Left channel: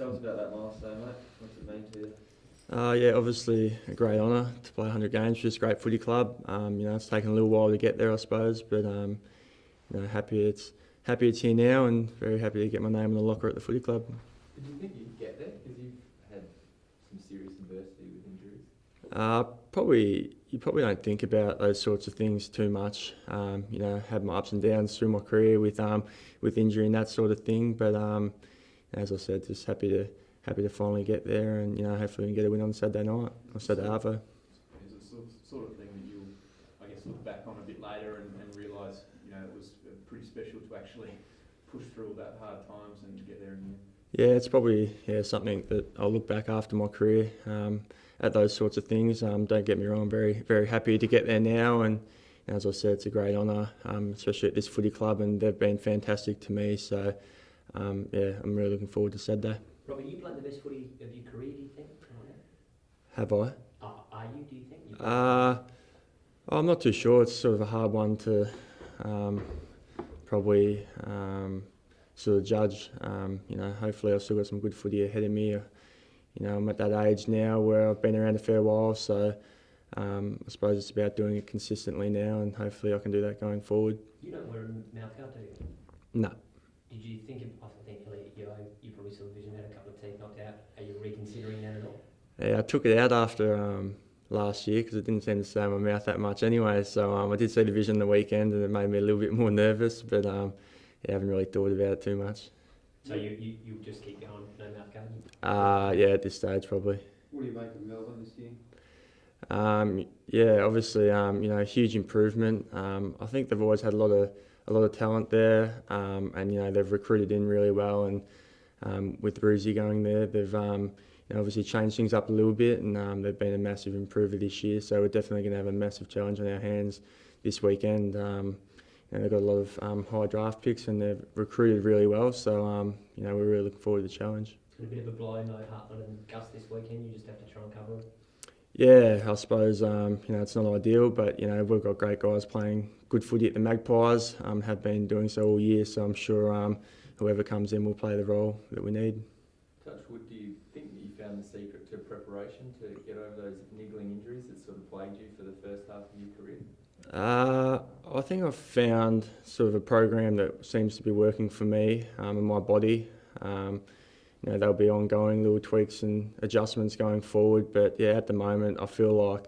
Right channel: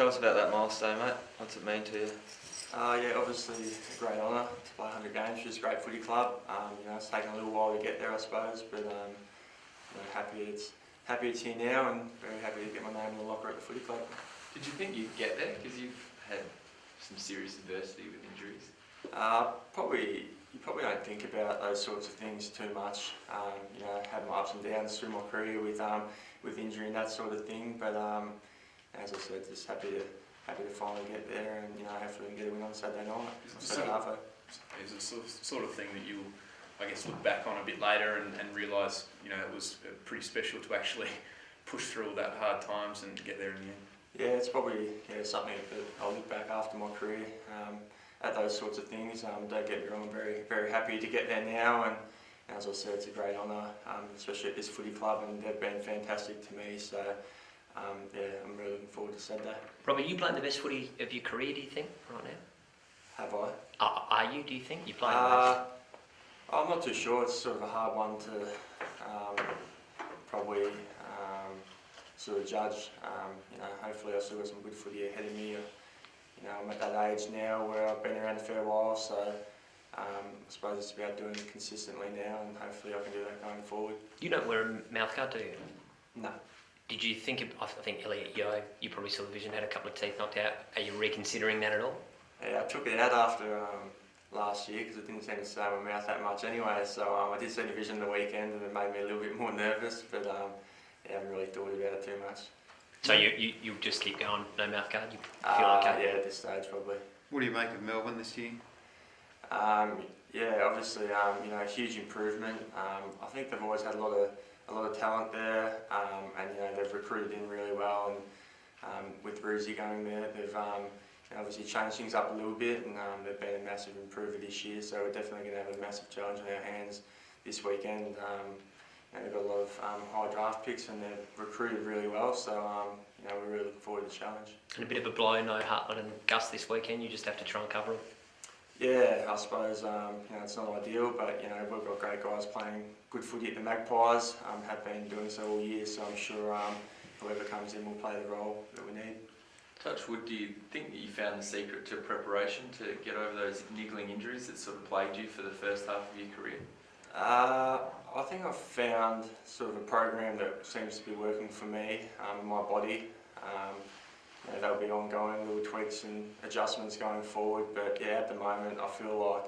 Tell us about that milestone, mate. What's it mean to you? Yeah, obviously a great honour to play 100 games for this great footy club. It's taken a little while to get there, I suppose, but happy it's here now, and very happy to get my name in the locker at the footy club. Did you think you'd get there? Because you've had some serious adversity with injuries. You probably don't think about those sorts of things too much. Had my ups and downs through my career with injury and that sort of thing, but as I said, just happy to finally get there, and hopefully we can get a win on Saturday night or Saturday after. Is it sort of thing that you'll, I guess, look back on a bit later and realise, it was pretty special to actually push through all that hard times and get there in the end? Yeah, it's probably something that I'll look back after my career at those sorts of things. Don't get me wrong, I'm very, very happy to get there now, and as I said, it's a great honour, especially at this footy club, and they've been fantastic to me. So I'm really looking forward to Saturday. Robbie, you playing the best footy of your career, do you think, right now? Have I? Are you, do you think? You playing the best? I'm not too sure. It's sort of a hard one to probably sort of judge. Hopefully I've still got some good footy ahead of me. I'm at that age now where I've been around a fair while, so I suppose it's about doing it consistently now, and hopefully I can do that going forward. You don't wear a mouthguard, do you? No. Did you think, I think Elliot Yeo, you probably saw the vision, had a couple of teeth knocked out. Are you reconsidering that at all? Yeah, I took it out after last year because it didn't seem to stay in my mouth that much anyway. So I did see the vision the weekend, and it made me a little bit more nervous, but I haven't really thought about it too much. So you just keep going, no mouthguard? You feel okay? Yeah, at this stage probably. What do you make of Melbourne this year? Obviously, a huge improvement. I think they've always had a lot of talent there, and they've recruited in really well. And with Bruzy going there, they've obviously changed things up a little bit, and they've been a massive improver this year. So we're definitely going to have a massive challenge on our hands this weekend. They've got a lot of high draft picks, and they've recruited really well. So we're really looking forward to the challenge. And a bit of a blow, no Hartman and Gus this weekend. You just have to try and cover them. Yeah, I suppose it's not ideal, but we've got great guys playing good footy at the Magpies. Have been doing so all year, so I'm sure whoever comes in will play the role that we need. Touchwood, do you think that you found the secret to preparation to get over those niggling injuries that sort of plagued you for the first half of your career? I think I've found sort of a program that seems to be working for me and my body. There'll be ongoing little tweaks and adjustments going forward, but at the moment I feel like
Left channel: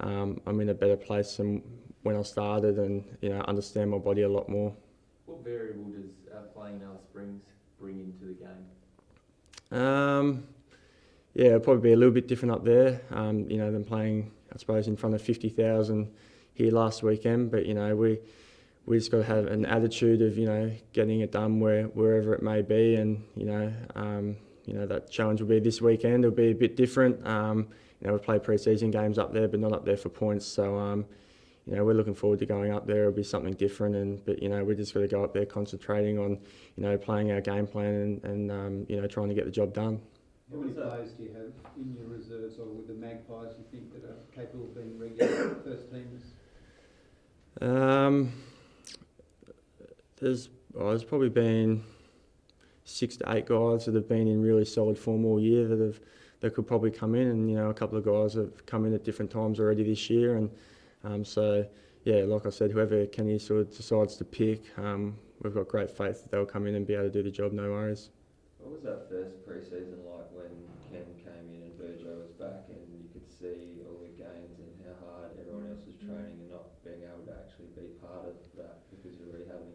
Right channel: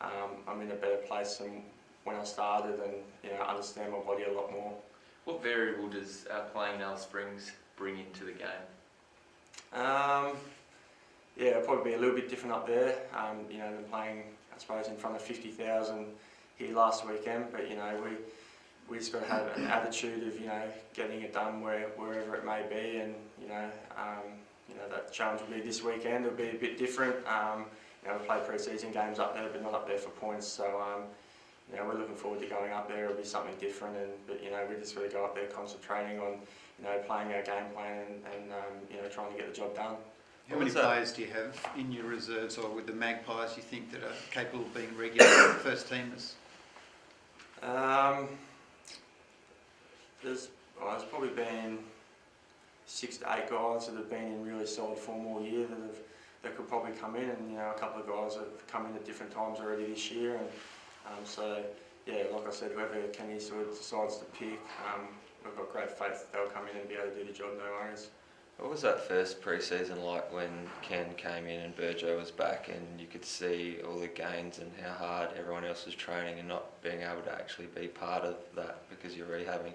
I'm in a better place than when I started, and understand my body a lot more. What variable does playing in Alice Springs bring into the game? It'll probably be a little bit different up there, than playing, I suppose, in front of 50,000 here last weekend. But we just got to have an attitude of getting it done wherever it may be, and that challenge will be this weekend. It'll be a bit different. We play pre-season games up there, but not up there for points. So we're looking forward to going up there. It'll be something different, but we just got to go up there concentrating on playing our game plan and trying to get the job done. How many players do you have in your reserves or with the Magpies you think that are capable of being regular first teamers? There's probably been 6 to 8 guys that have been in really solid form all year that could probably come in, and a couple of guys have come in at different times already this year, and like I said, whoever Kenny sort of decides to pick, we've got great faith that they'll come in and be able to do the job, no worries. What was that first pre-season like when Ken came in and Burjo was back, and you could see all the gains and how hard everyone else was training, and not being able to actually be part of that because you're already having?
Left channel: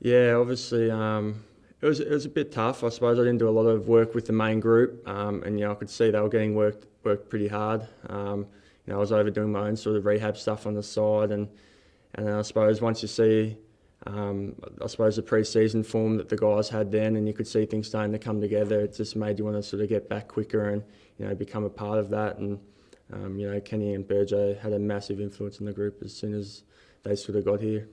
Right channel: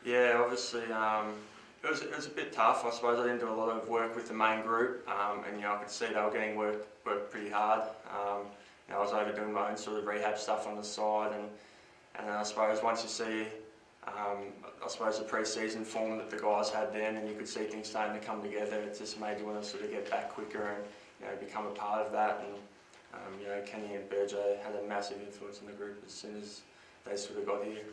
Yeah, obviously it was a bit tough. I suppose I didn't do a lot of work with the main group, and I could see they were getting worked pretty hard. I was overdoing my own sort of rehab stuff on the side, and I suppose once you see the pre-season form that the guys had then, and you could see things starting to come together, it just made you want to sort of get back quicker and become a part of that. And Kenny and Burjo had a massive influence in the group as soon as they sort of got here.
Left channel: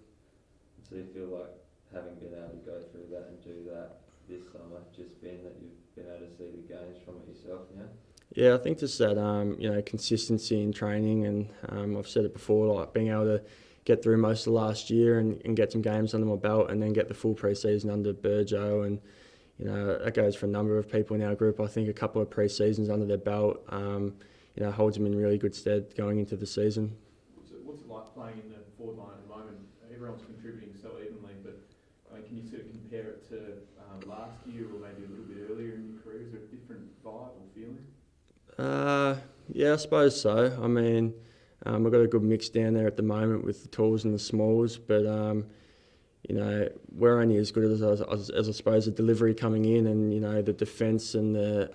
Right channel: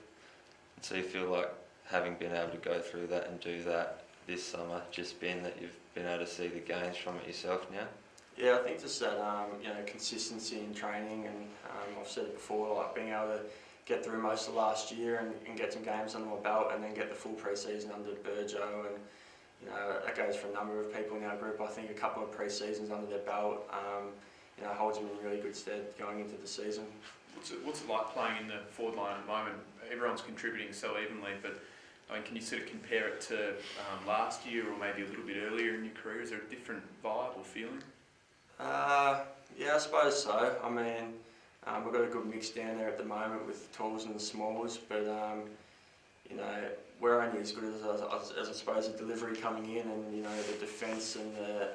So you feel like, having been able to go through that and do that this summer, just been that you've been able to see the gains from it yourself now? Yeah, I think just that consistency in training, and I've said it before, like being able to get through most of last year and get some games under my belt, and then get the full pre-season under Burjo, and you know, that goes for a number of people in our group. I think a couple of pre-seasons under their belt, you know, holds them in really good stead going into the season. What's it like playing in the forward line at the moment? Everyone's contributing so evenly, but I mean, can you sort of compare it to last year or maybe a little bit earlier in your career? Is there a different vibe or feeling? Yeah, I suppose so. I mean, we've got a good mix down there at the moment with the talls and the smalls, but you know, we're only as good as I suppose the delivery coming in, and you know, the defence and the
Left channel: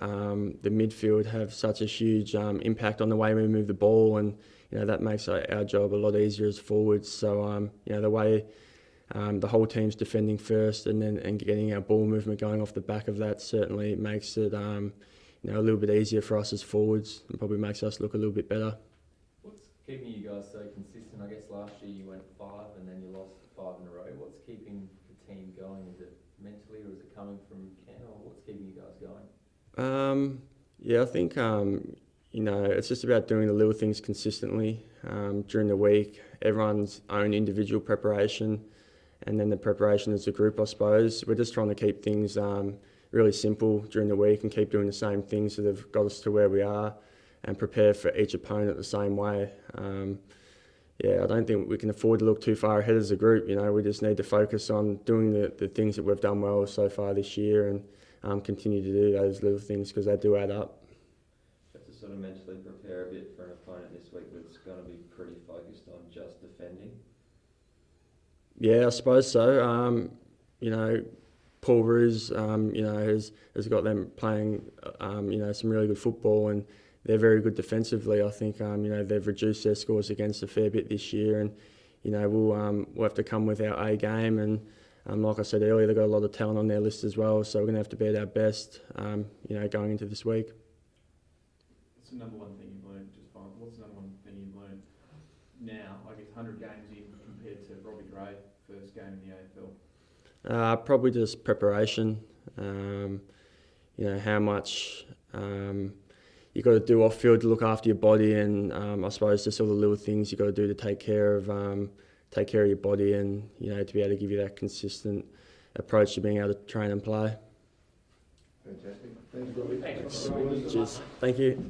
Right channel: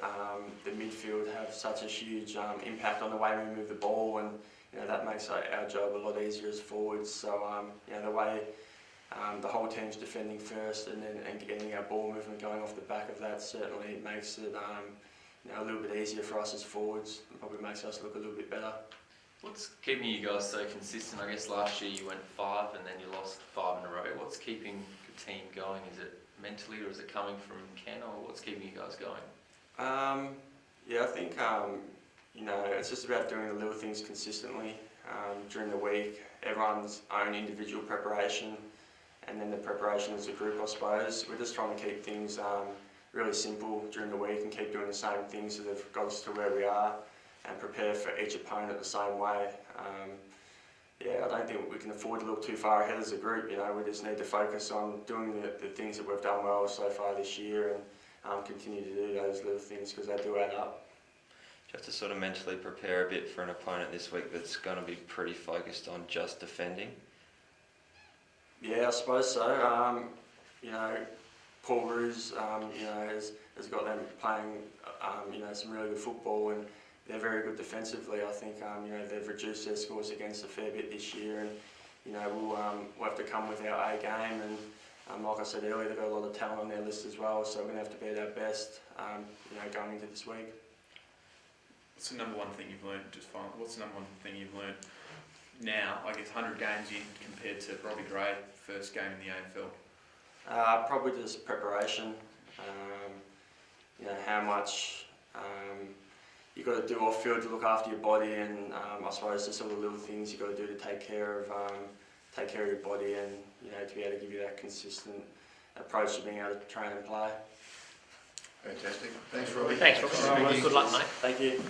midfield have such a huge impact on the way we move the ball, and you know, that makes our job a lot easier as forwards. So you know, the way the whole team's defending first and getting our ball movement going off the back of that certainly makes it you know, a little bit easier for us as forwards, and probably makes us look a little bit better. What's keeping you guys so consistent? I guess last year you went 5 and then you lost 5 in a row. What's keeping the team going? Is it mentally or is it coming from Ken, or what's keeping you guys going? Yeah, I think you know, it's just about doing the little things consistently during the week. Everyone's own individual preparation, and then the preparation as a group, I suppose. We're just trying to keep things really simple during the week and keep doing the same things that have got us to where we are, and prepare for each opponent the same way. Yeah, I don't think we can afford to look too far ahead as a group. You know, we just need to focus on doing the things that we've done well so far this year, and continue to do those little things because they do add up. You have to sort of mentally prepare a bit for an opponent this week that's going to be pretty focused on just defending. Yeah, I suppose so. You know, Paul Roos, you know, has got them playing, you know, some really good football, and they're very good defensively. I think, you know, they've reduced their scores against a fair bit this year, and you know, we'll have to come with our A game, and like I said earlier, they've got a lot of talent on their list as well, so we're going to have to be at our best, you know, going into this week. What's the number one thing you've learned? What's the number one thing you've learned now? I guess 100 games in compared to Robbie Gray, first game in the AFL. Probably just preparation. You know, how much you got to do off field to look after your body, and I suppose just all the little things you got to do to take care of your body, and you know, to be able to give you that consistent approach to being able to train and play. Fantastic. Thanks, Robbie. Thanks, Robbie. Good luck, mate. Thank you.